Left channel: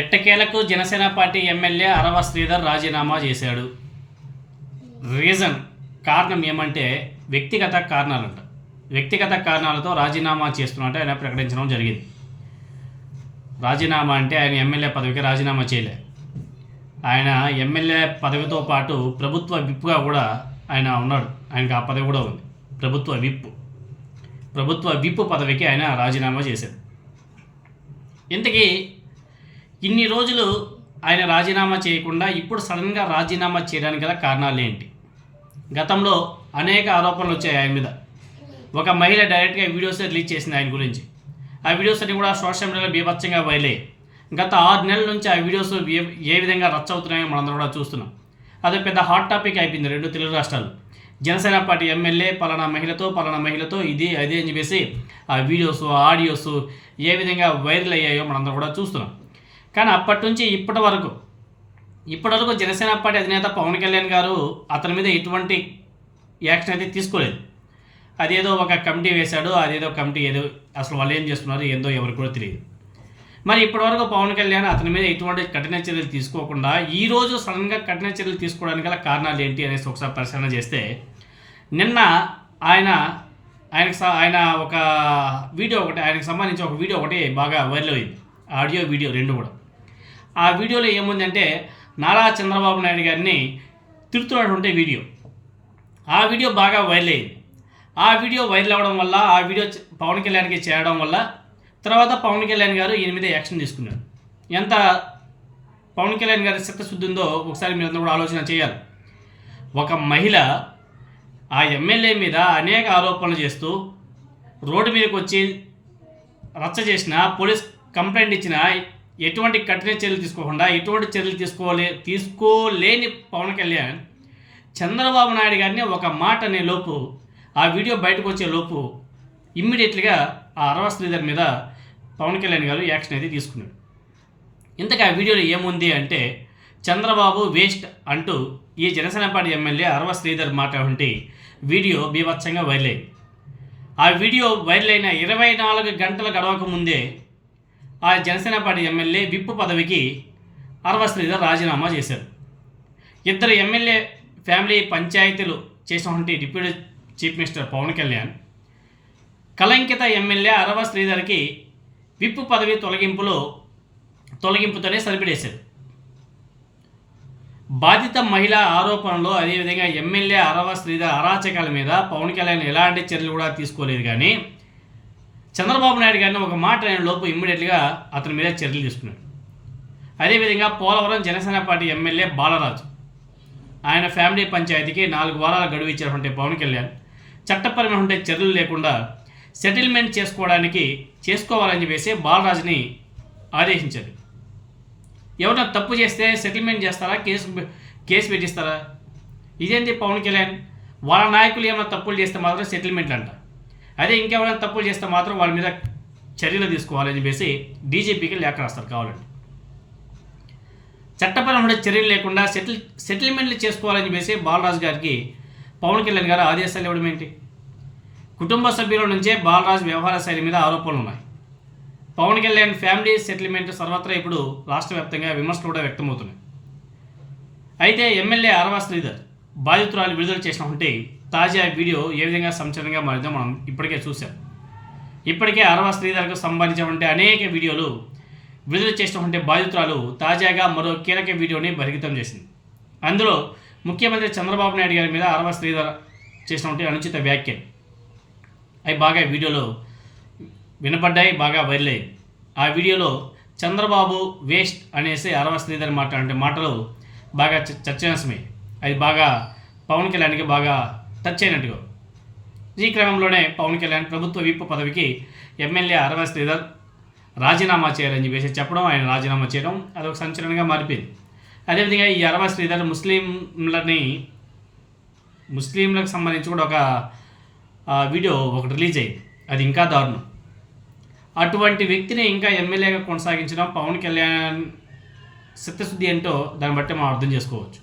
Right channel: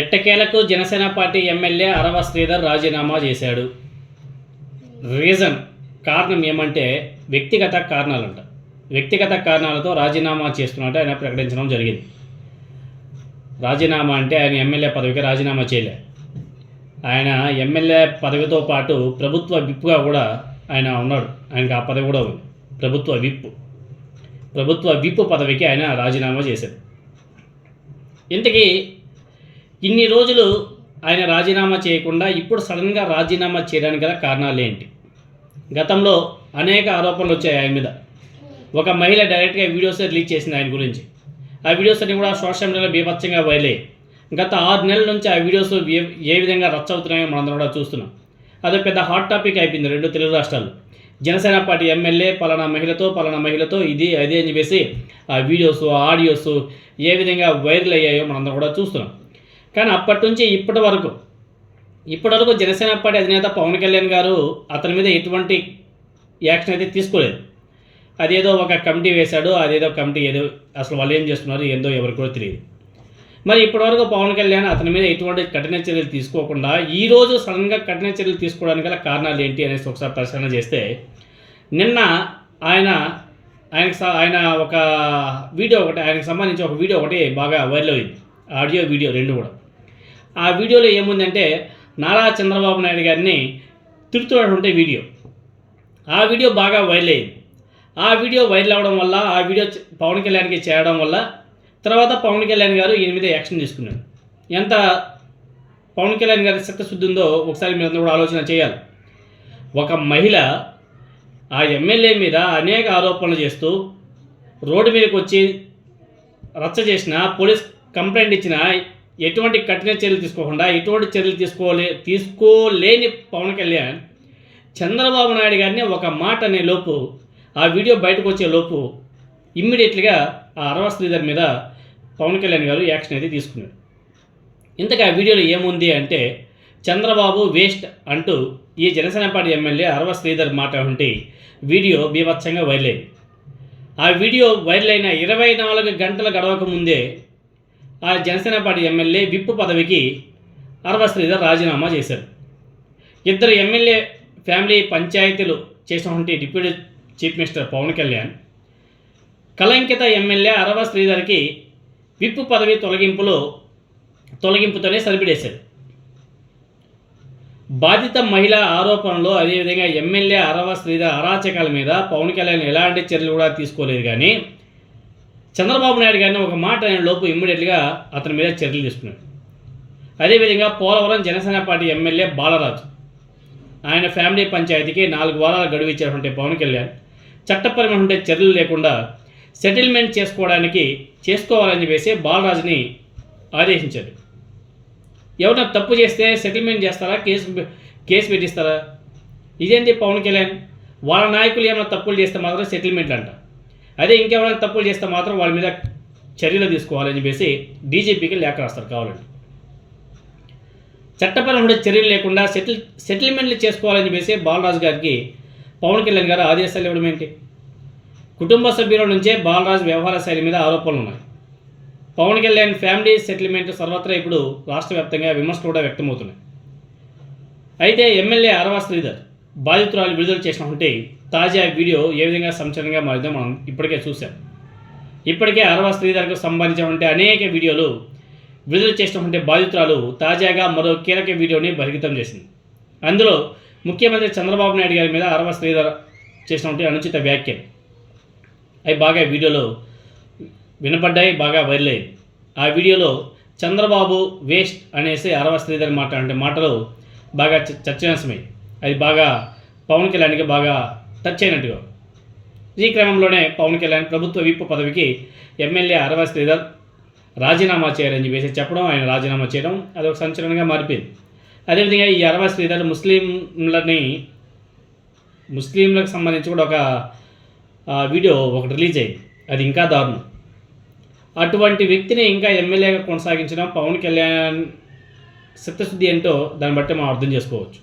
ఎట్టకేలకు Janasena party MLA అరవ శ్రీధర్ రాజీనామా చేశాడు. కారణం ఏమంటే వ్యక్తిగత కారణాలంట. వ్యక్తిగత కారణాలతో రాజీనామా చేస్తున్నట్టు ఆయన ప్రకటించడం జరిగింది. రాజీనామా అంటే ఆయన ఎమ్మెల్యే పదవికి రాజీనామా చేయలే. ఆయన ఎమ్మెల్యే పదవితో పాటు ప్రభుత్వ విప్గా కూడా ఆయన ఉన్నాడు. ఆయనకు ఆ పదవి కూడా ఉంది, ప్రభుత్వ విప్ పదవికి ఆయన రాజీనామా చేశాడు. ఇంతకీ ఇన్ని రోజులు ఆయన రాజీనామా చేయకుండా ఇప్పుడు సడన్గా రాజీనామా చేయడానికి గల కారణాలు ఏంటి? గతంలో అనేక ఆరోపణలు వచ్చాయి ఆయన మీద. ఒక మహిళ డైరెక్ట్గా వీడియోస్ రిలీజ్ చేసింది ఆయన గురించి. ఆ వీడియోస్ అన్ని కూడా సోషల్ మీడియాలో బీభత్సంగా వైరల్ అయ్యాయి. గత 6 నెలల నుంచి ఆ వీడియోస్ ఏ విధంగా రచ్చ అవుతున్నాయో మనందరం కూడా చూస్తున్నాం. అది పెద్ద హాట్ టాపిక్ అయిపోయింది 2 తెలుగు రాష్ట్రాలు. జనసేన పార్టీ ఎమ్మెల్యే పలానా మహిళతో ఇది అదే అని చెప్పేసి ఆ వీడియోస్ ఆడియోస్ ఏ విధంగా వైరల్ అయ్యాయో మనందరం కూడా చూస్తున్నాం. కానీ అప్పటి నుంచి ఇప్పటి వరకు జనసేన పార్టీ అధినేత పవన్ కళ్యాణ్ గారు అతని మీద ఎటువంటి యాక్షన్ అయితే తీసుకోలేదు. అదేదో ఒక కమిటీ వేశాడు, అదేదో కమిటీ ఏదో అసలు వాళ్ళు ఏం చేస్తున్నారు ఏందో ఎవరికి కూడా తెలియదు. మరి ఇప్పటివరకు పవన్ కళ్యాణ్ అతని మీద ఎటువంటి కఠిన చర్యలు తీసుకోకుండా ఈరోజు సడన్గా కఠిన చర్యలు తీసుకోవడానికి గల కారణాలు ఏంటి అనేసి ఒకసారి పరిశీలన చేస్తే, నిన్న ఆయన ఒక వీడియో ఒకటి, ఆయనకు సంబంధించి ఒక వీడియో ఒకటి బాగా వైరల్ అయింది. ఆడియో వీడియో 2 కూడా. ఆ వీడియోలో ఏముందంటే నారా చంద్రబాబు నాయుడు గారిని తిడుతున్నటువంటి వీడియో. ఆ వీడియో బాగా వైరల్ అయింది. ఆ వీడియో వైరల్ అవ్వడం వల్ల, ఆ వీడియో పవన్ కళ్యాణ్కి చేరడం వల్ల తర్వాత పవన్ కళ్యాణ్ గారు ఈయన మీద యాక్షన్ తీసుకున్నారు. ఎంత పవన్ కళ్యాణ్ గారి చిత్తశుద్ధి ఉందో ఒకసారి మీరు కూడా ఆలోచన చేయాలి. ఒక మహిళ ఆ ఎమ్మెల్యే మీద అనేక ఆరోపణలు చేస్తూ రోడ్డు మీదకి వచ్చి రచ్చ చేసిన, పోలీస్ కంప్లైంట్ ఇచ్చిన, ఎటువంటి కఠిన చర్యలు తీసుకోకుండా ఎటువంటి చర్యలు తీసుకోలేని పవన్ కళ్యాణ్ చంద్రబాబు నాయుడు గారిని ఒక మాట అనే లోపు, ఆ వీడియో బయటకు వచ్చే లోపు ఇమ్మీడియట్లీగా ఆ అరవ శ్రీధర్ మీద పవన్ కళ్యాణ్ గారు యాక్షన్ అయితే తీసుకున్నాడు. ఇంతకీ ఆ వీడియోలో ఏముంది అంటే, చంద్రబాబు వేస్ట్ అంటూ ఈ జనసేన పార్టీ ఎమ్మెల్యే అరవ శ్రీధర్ మాట వంటి వీడియో బీభత్సంగా వైరల్ అయింది. ఆ వీడియో వైరల్ అయిన 24 గంటల గడవక ముందే ఆ జనసేన పార్టీ ఎమ్మెల్యే విప్ పదవికి అరవ శ్రీధర్ రాజీనామా చేశారు. 2 ఎమ్మెల్యే ఫ్యామిలీ పంచాయతీలు చేసినటువంటి deputy chief minister Pavan Kalyan కలంకిత ఎమ్మెల్యే అరవ శ్రీధర్కి విప్ పదవి తొలగింపుతోనే సరిపడేశారు. బాధిత మహిళా ఆరోపణలో, అదేవిధంగా ఎమ్మెల్యే అరవ శ్రీధర్ అరాచకాల మీద పవన్ కళ్యాణ్ ఎలాంటి చర్యలు కూడా తీసుకోలేదు. కానీ చంద్రబాబు నాయుడు గారిని ఒక మాట అయిన లోపు ఇమ్మీడియట్గా అతని మీద చర్యలు తీసుకున్నాడు. అదేవిధంగా పోలవరం జనసేన పార్టీ ఎమ్మెల్యే బాలరాజు, ఆయన ఫ్యామిలీ పంచాయతీకి 4 వారాల గడువు ఇచ్చినటువంటి పవన్ కళ్యాణ్ చట్టపరమైన చర్యలు లేకుండా సెటిల్మెంట్ చేసుకోవాలని చెప్పేసి బాలరాజుని ఆదేశించాడు. ఎవరైనా తప్పు చేస్తే సెటిల్మెంట్ చేస్తారా, కేసు పెట్టిస్తారా? ఇదేంటి పవన్ కళ్యాణ్? వాళ్ళ నాయకులు ఏమైనా తప్పులు చేస్తే మాత్రం సెటిల్మెంట్ అంట, అదే ఇంకెవరైనా తప్పులు చేస్తే మాత్రం వాళ్ళ మీద చర్యలు తీసుకోవాలని చెప్పేసి డీజీపీకి లేఖ రాస్తారు. కావాలండి చట్టపరమైన చర్యలు లేకుండా సెటిల్మెంట్లు చేసుకోవాలని చెప్పేసి బాలరాజు గారికి పవన్ కళ్యాణ్ గారు ఆదేశాలు ఇవ్వడం ఏంటి? కుటుంబ సభ్యుల నుంచే బాలరాజు వ్యవహార శైలి మీద ఆరోపణలు ఉన్నాయి. పవన్ కళ్యాణ్ ఫ్యామిలీ సెటిల్మెంట్ సర్వత్రా ఇప్పుడు రాష్ట్ర వ్యాప్తంగా విమర్శలు కూడా వ్యక్తమవుతున్నాయి. అయితే ఎమ్మెల్యే అరవ శ్రీధర్ బాధితురాలు విడుదల చేసినటువంటి తాజా వీడియో ఏ విధంగా సంచలనంగా మారిందో మనం ఇప్పటికే చూసాం. ఇప్పటికే అరవ శ్రీధర్కు సంబంధించినటువంటి అనేక వీడియోలు విడుదల చేసినటువంటి బాధితురాలు తాజాగా మరో కీలక వీడియోని బహిర్గతం చేసింది. అందులో ముఖ్యమంత్రి చంద్రబాబు నాయుడు గారి మీద అరవ శ్రీధర్ చేసినటువంటి అనుచిత వ్యాఖ్యలు అవి బాగా వీడియోలో వినపడ్డాయి, బాగా వైరల్ అయ్యాయి. ఆ వీడియోలో చంద్రబాబు వేస్ట్ అనేసి అరవ శ్రీధర్ మాటలు బాగా చర్చనీయాంశమయ్యాయి. అది బాగా పవన్ కళ్యాణ్కి బాగా టచ్ అయినట్టుగా. ఈ క్రమంలోనే పవన్ కళ్యాణ్ ప్రభుత్వ విప్ పదవికి ఎమ్మెల్యే అరవ శ్రీధర్ రాజీనామా చేయాలని చెప్పేసి చెప్పడం, ఆయన రాజీనామా చేయడం అదొక సంచలనంగా మారిపోయింది. అదేవిధంగా ఈ అరవ శ్రీధర్ ముస్లింలకు సంబంధించి కూడా ఒక వీడియో ఒకటి రిలీజ్ అయింది. అది ఇంకా దారుణం. అటువంటి వ్యక్తిని ఇంకా ఎమ్మెల్యేగా కొనసాగించడం పవన్ కళ్యాణ్ చిత్తశుద్ధి ఏంటో దాన్ని బట్టి మనం అర్థం చేసుకోవచ్చు.